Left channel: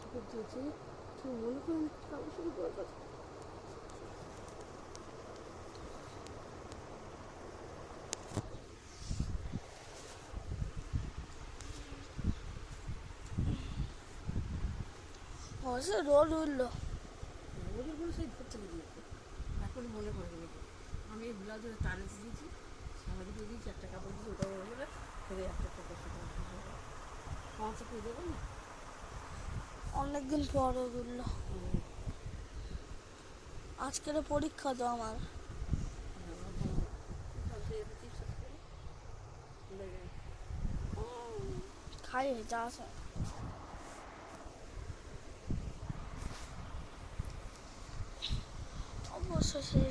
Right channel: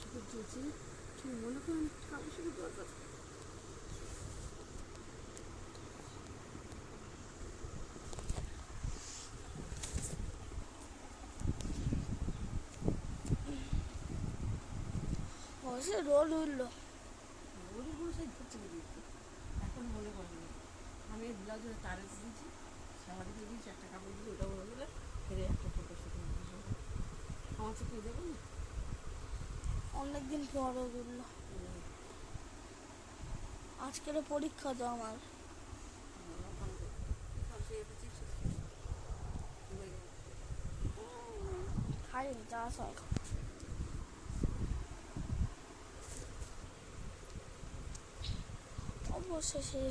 শুকিয়ে দিয়েছি, কি মনে করুন কাপড় শুকিয়ে দেওয়ার কথা। রোদ উঠলো, ওদের কোনো সেই ধরতে বেরিয়েছে, এখন মনে পড়ে গেছে। আমি এই ব্লাউজের তারে দিয়েছি, সামারি দিয়ে দিয়েছি, একটা কাপড় দিয়ে ওটাও হয়ে গেলে ফেরে একটা কাপড় শুকিয়ে দিয়েছি। আমার শুকিয়ে দেবো না, অনেকদিন পর রোদ উঠলো। আজকের পরীক্ষা তো আমার, খাই যা সব অবশেষে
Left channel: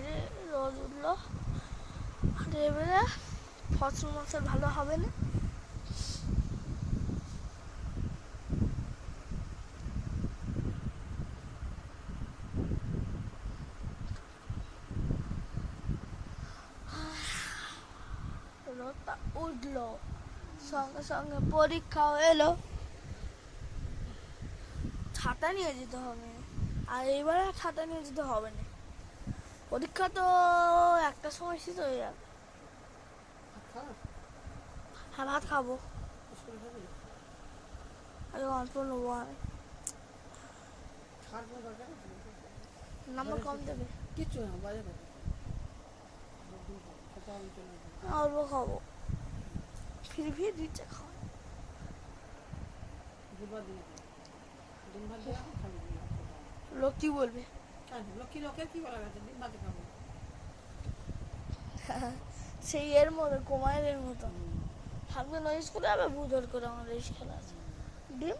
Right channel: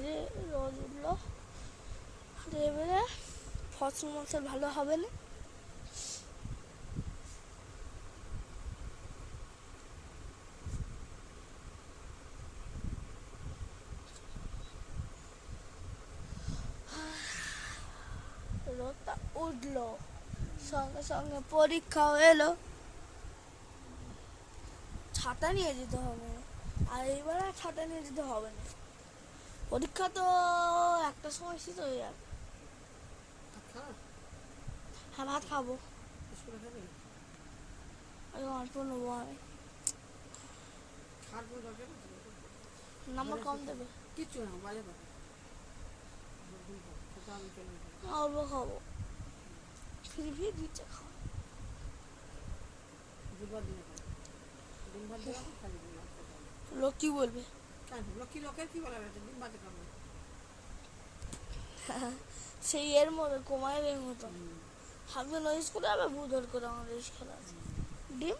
রোদ উঠলো। আর এবারে ফসল মশল ভালো হবে না। রোদটা উঠলো, সঙ্গে সঙ্গে পরীক্ষাও এলো। ছাতা নিয়ে যেতে হবে, আর এইবার ছাতা নিয়ে যেতে হবে না। পরীক্ষা তো একটা সময় শেষ হয়ে যাবে। হ্যাঁ, ভাত খাবো, আগে অল্প নেবো আমি। নাম্বার কম দেবে, কিচ্ছু না, বাজে কথা। অল্প খাবো, ফির দিচ্ছে খাও। লোক কি বলবে? লোকের কি বলা গেছে, ডিম ভাতে খাবো। সেই এর মতো কুমারের মতো থাকবেন ওই স্কুলে, আবার বুধর করে আমাদের স্কুলে আছে ডিম।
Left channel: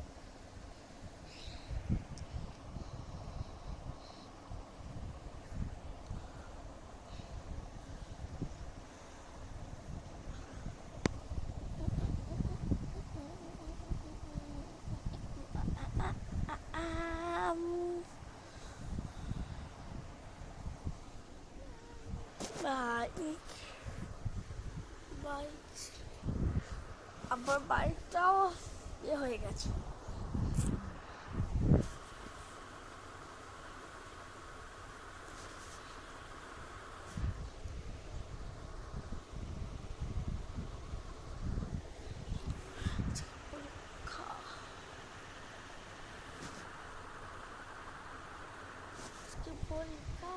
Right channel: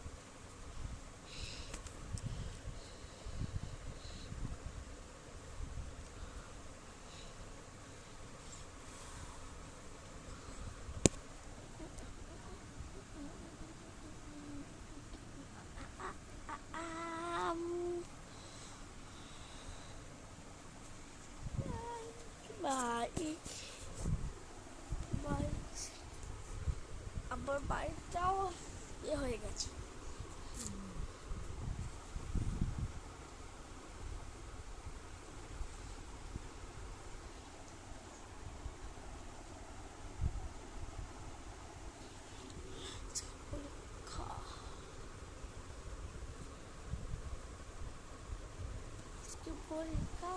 আবার বাইকটাও হয়ে গেছে। পরীক্ষা